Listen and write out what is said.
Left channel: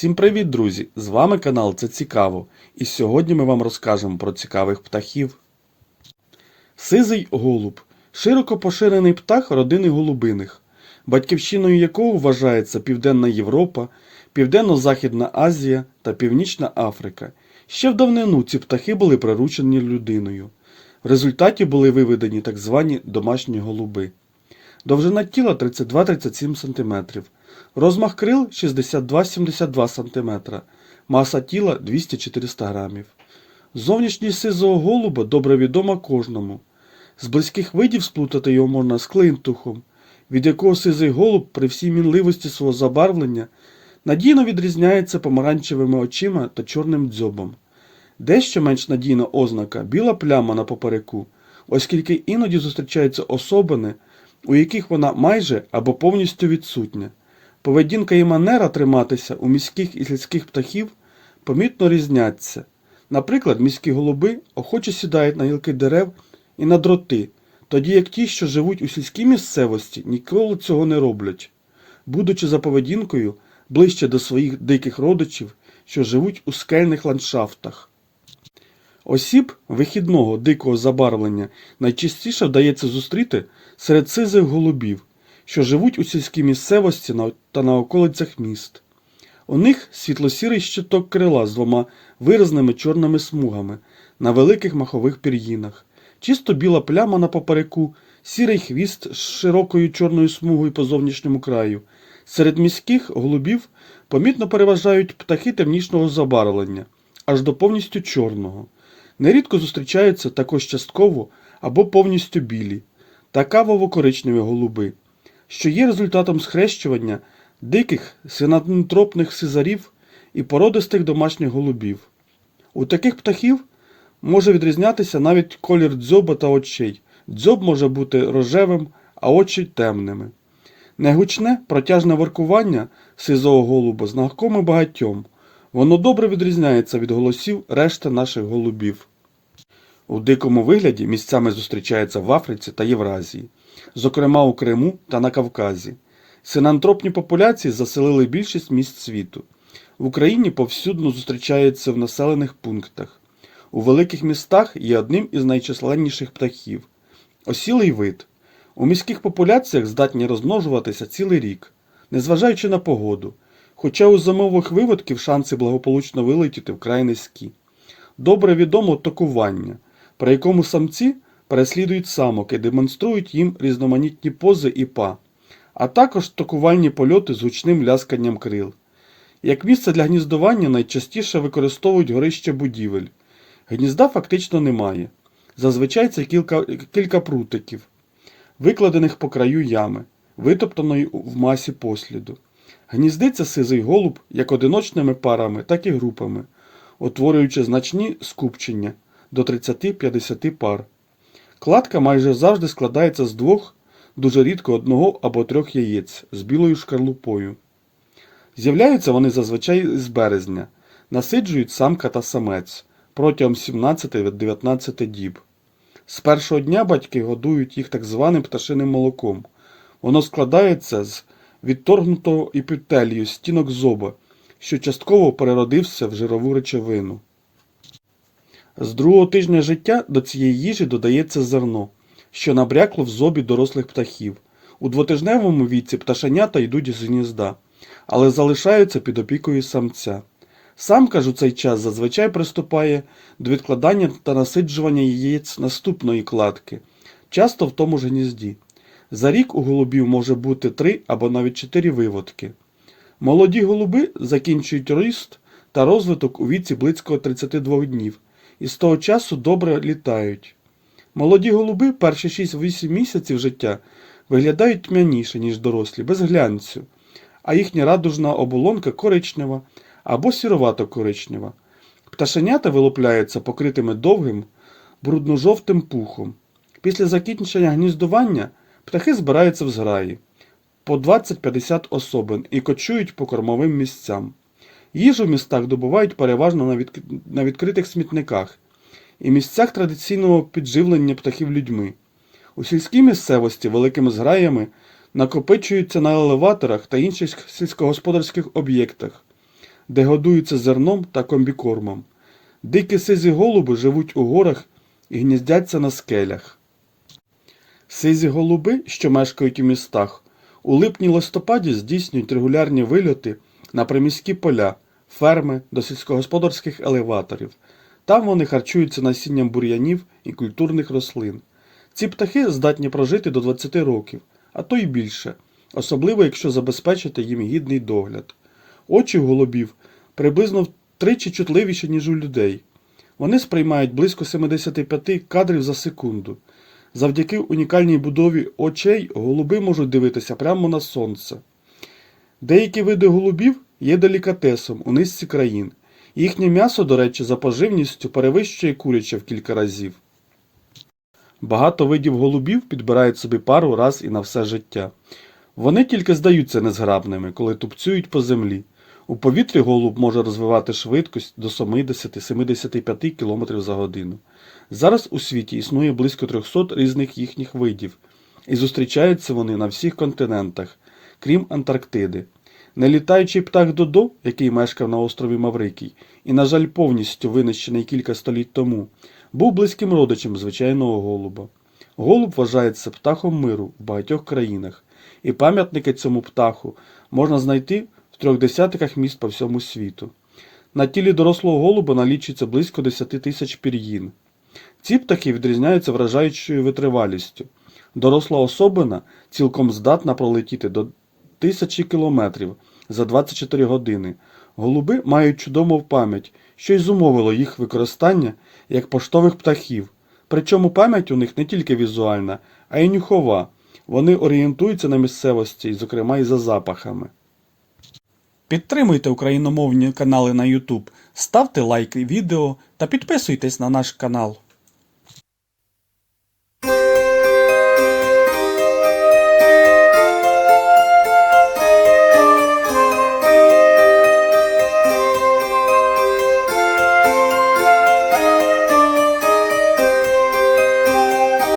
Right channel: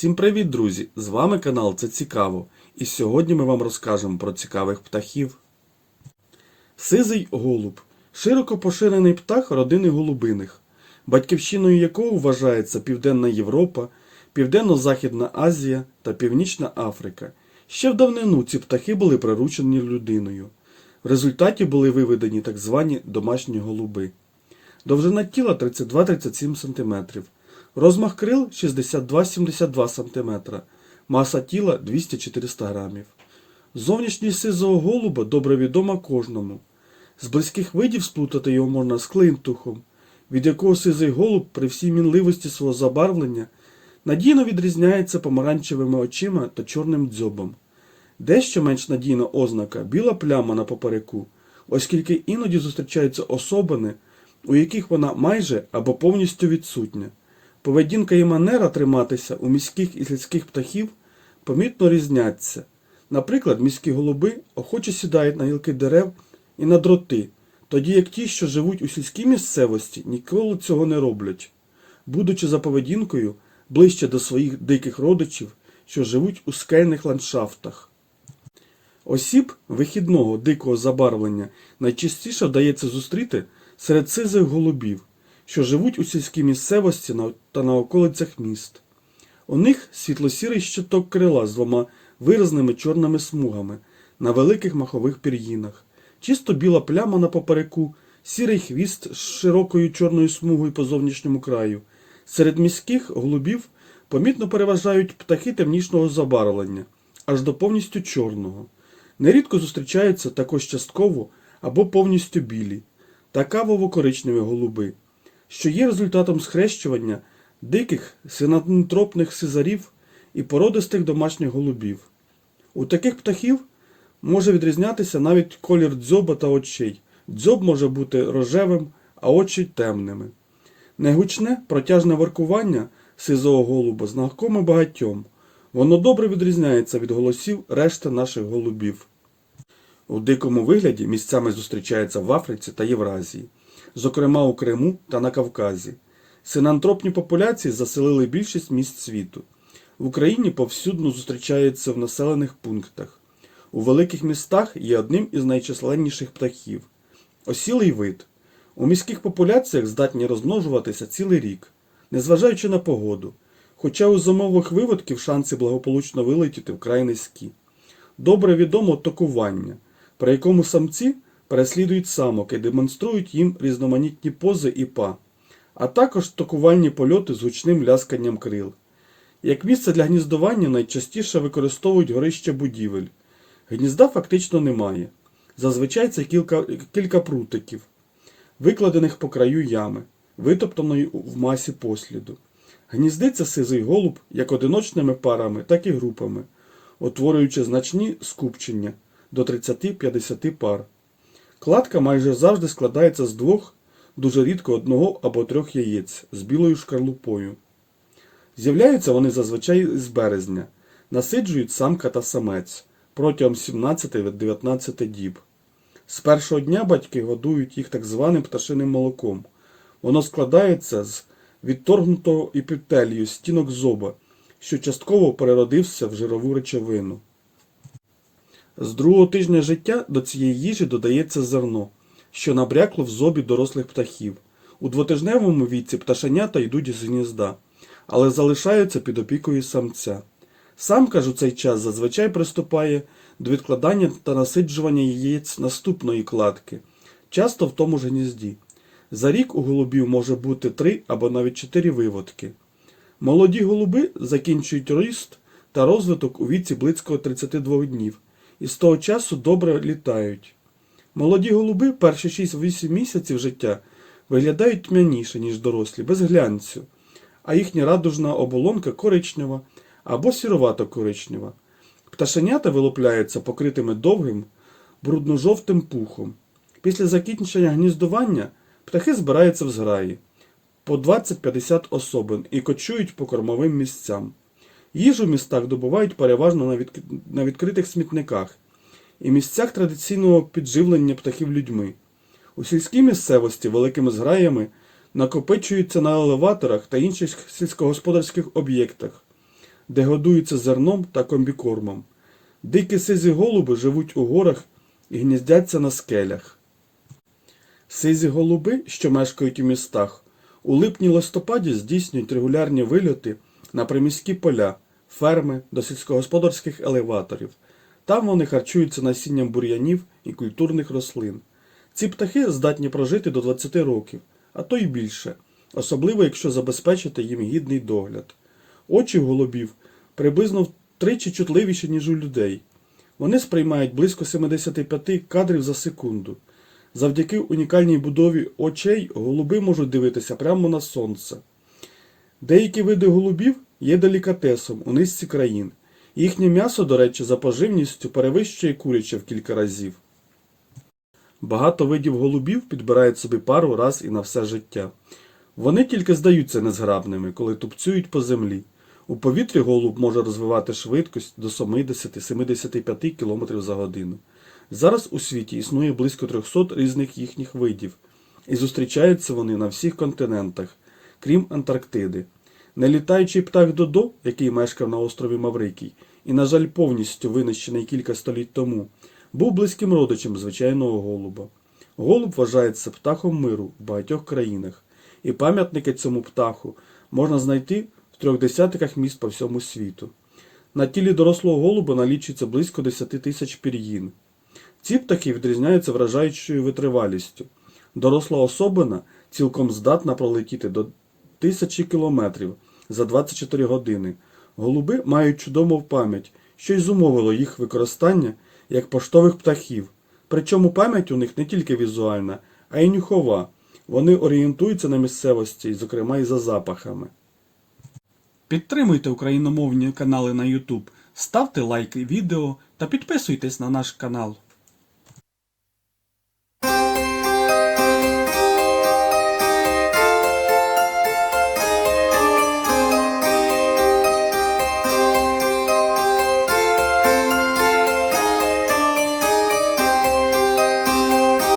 Всім привіт, друзі! З вами канал Це Цікаво. І сьогодні ми вам розкажемо про цікавих птахів. Сизий голуб широко поширений птах родини голубиних, батьківщиною якого вважається Південна Європа, Південно-Західна Азія та Північна Африка. Ще в давнину ці птахи були приручені людиною. В результаті були виведені так звані домашні голуби. Довжина тіла 32-37 см. Розмах крил 62-72 см. Маса тіла 200-400 грамів. Зовнішність сизого голуба добре відома кожному. З близьких видів сплутати його можна з клинтухом, від якого сизий голуб при всій мінливості свого забарвлення надійно відрізняється помаранчевими очима та чорним дзьобом. Дещо менш надійна ознака біла пляма на попереку, оскільки іноді зустрічаються особини, у яких вона майже або повністю відсутня. Поведінка і манера триматися у міських і сільських птахів помітно різняться. Наприклад, міські голуби охоче сідають на гілки дерев і на дроти, тоді як ті, що живуть у сільській місцевості, ніколи цього не роблять, будучи за поведінкою ближче до своїх диких родичів, що живуть у скельних ландшафтах. Осіб вихідного дикого забарвлення найчастіше вдається зустріти серед сизих голубів, що живуть у сільській місцевості та на околицях міст. У них світло-сірий щиток крила з двома виразними чорними смугами на великих махових пір'їнах, чисто біла пляма на попереку, сірий хвіст з широкою чорною смугою по зовнішньому краю. Серед міських голубів помітно переважають птахи темнішого забарвлення, аж до повністю чорного. Нерідко зустрічаються також частково або повністю білі та кавово-коричневі голуби, що є результатом схрещування диких синантропних сизарів і породистих домашніх голубів. У таких птахів може відрізнятися навіть колір дзьоба та очей. Дзьоб може бути рожевим, а очі темними. Негучне протяжне воркування сизого голуба знакоме багатьом. Воно добре відрізняється від голосів решти наших голубів. У дикому вигляді місцями зустрічається в Африці та Євразії, зокрема у Криму та на Кавказі. Синантропні популяції заселили більшість міст світу. В Україні повсюдно зустрічаються в населених пунктах. У великих містах є одним із найчисленніших птахів. Осілий вид. У міських популяціях здатні розмножуватися цілий рік, незважаючи на погоду, хоча у зимових виводків шанси благополучно вилетіти вкрай низькі. Добре відомо токування, при якому самці переслідують самок і демонструють їм різноманітні пози і па, а також токувальні польоти з гучним лясканням крил. Як місце для гніздування найчастіше використовують горище будівель. Гнізда фактично немає. Зазвичай це кілька, кілька прутиків, викладених по краю ями, витоптаної в масі посліду. Гніздиться сизий голуб як одиночними парами, так і групами, утворюючи значні скупчення до 30-50 пар. Кладка майже завжди складається з двох, дуже рідко одного або трьох яєць з білою шкарлупою. З'являються вони зазвичай з березня, насиджують самка та самець протягом 17-19 діб. З першого дня батьки годують їх так званим пташиним молоком. Воно складається з відторгнутого епітелію стінок зоба, що частково переродився в жирову речовину. З другого тижня життя до цієї їжі додається зерно, що набрякло в зобі дорослих птахів. У двотижневому віці пташенята йдуть з гнізда, але залишаються під опікою самця. Самка ж у цей час зазвичай приступає до відкладання та насиджування яєць наступної кладки, часто в тому ж гнізді. За рік у голубів може бути три або навіть чотири виводки. Молоді голуби закінчують ріст та розвиток у віці близько 32 днів і з того часу добре літають. Молоді голуби перші 6-8 місяців життя виглядають тьмяніше, ніж дорослі, без глянцю, а їхня радужна оболонка коричнева або сіровато-коричнева. Пташенята вилупляються покритими довгим, брудно-жовтим пухом. Після закінчення гніздування птахи збираються в зграї по 20-50 особин і кочують по кормовим місцям. Їжу в містах добувають переважно на, відк... на відкритих смітниках і місцях традиційного підживлення птахів людьми. У сільській місцевості великими зграями накопичуються на елеваторах та інших сільськогосподарських об'єктах, де годуються зерном та комбікормом. Дикі сизі голуби живуть у горах і гніздяться на скелях. Сизі голуби, що мешкають у містах, у липні-листопаді здійснюють регулярні вильоти на приміські поля, ферми до сільськогосподарських елеваторів. Там вони харчуються насінням бур'янів і культурних рослин. Ці птахи здатні прожити до 20 років, а то й більше, особливо якщо забезпечити їм гідний догляд. Очі голубів приблизно втричі чутливіші, ніж у людей. Вони сприймають близько 75 кадрів за секунду. Завдяки унікальній будові очей голуби можуть дивитися прямо на сонце. Деякі види голубів є делікатесом у низці країн. Їхнє м'ясо, до речі, за поживністю перевищує куряче в кілька разів. Багато видів голубів підбирають собі пару раз і на все життя. Вони тільки здаються незграбними, коли тупцюють по землі. У повітрі голуб може розвивати швидкість до 70-75 км за годину. Зараз у світі існує близько 300 різних їхніх видів, і зустрічаються вони на всіх континентах, крім Антарктиди. Нелітаючий птах Додо, який мешкав на острові Маврикій, і, на жаль, повністю винищений кілька століть тому, був близьким родичем звичайного голуба. Голуб вважається птахом миру в багатьох країнах, і пам'ятники цьому птаху можна знайти в трьох десятках міст по всьому світу. На тілі дорослого голуба налічується близько 10 тисяч пір'їн. Ці птахи відрізняються вражаючою витривалістю. Доросла особина цілком здатна пролетіти до тисячі кілометрів за 24 години. Голуби мають чудову пам'ять, що й зумовило їх використання як поштових птахів. Причому пам'ять у них не тільки візуальна, а й нюхова. Вони орієнтуються на місцевості, зокрема і за запахами. Підтримуйте україномовні канали на YouTube, ставте лайки відео та підписуйтесь на наш канал.